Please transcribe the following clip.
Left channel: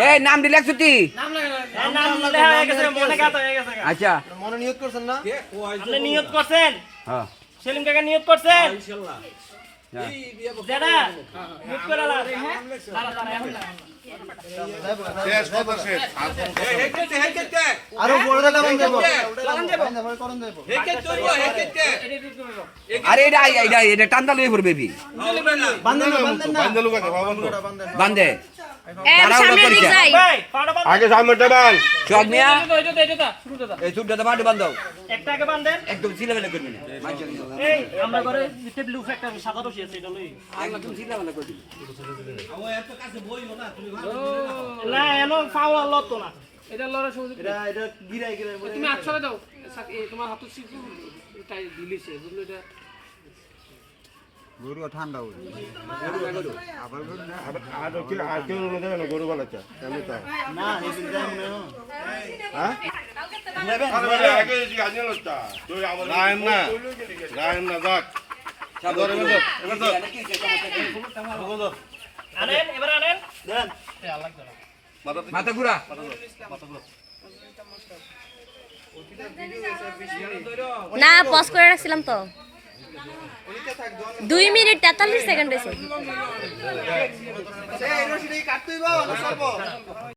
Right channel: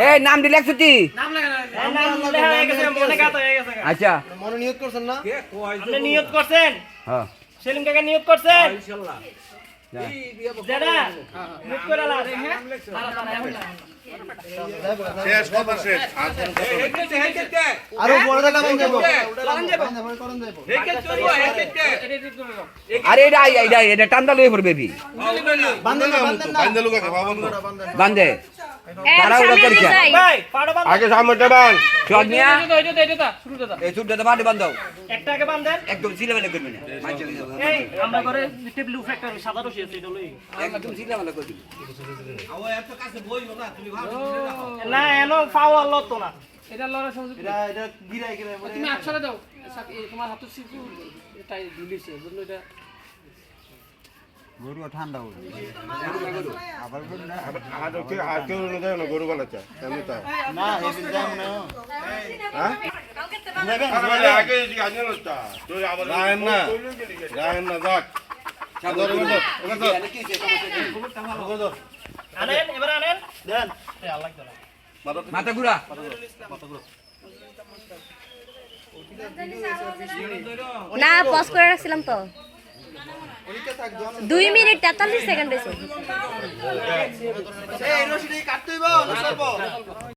এ নাম দিলে ছুটি হ্যাঁ, নাম লেখা হয়ে গেছে মনে কাত হয়ে গেছে। আচ্ছা। মনে নিয়ত করছেন না? আপনি নিয়ত করছেন? হ্যাঁ। সেলিম কাকা নিয়ত করছেন? যা। যেটা নিয়ত করে হ্যাঁ। আরও বড় দাদা বন্ধ দেব। আরে এটা আই এটা এটা টান্দা লয়ে পড়বে বান্ধে। না। আগে সামনে বান চক মিয়া এইটা এইটা দাদা এই বান্ধাও একটা আগে বান্ধেন একদম সিলেবেলে করবি এই আমরা করে টেবিল উপরে একটা সাদা রশি আছে এটা লই। একদম সিলেবেলে করবি না। এনো পাওয়া লতো না। এটা লড়া সহজ এটা এটা গিরাই গিরাই তুমি আটশো দাও। তোমার হাতে সিকু এটাই দিলিছে বুঝলো? এটা গরু ঠান্ডা হয়ে আবার গরু আমি না হেদিন যাই মনে হয়? মাথা ঘুরা। না পজ করে রাখছিলাম তো। দুই মিনিট তেতাল্লিশ সেকেন্ড হয়েছে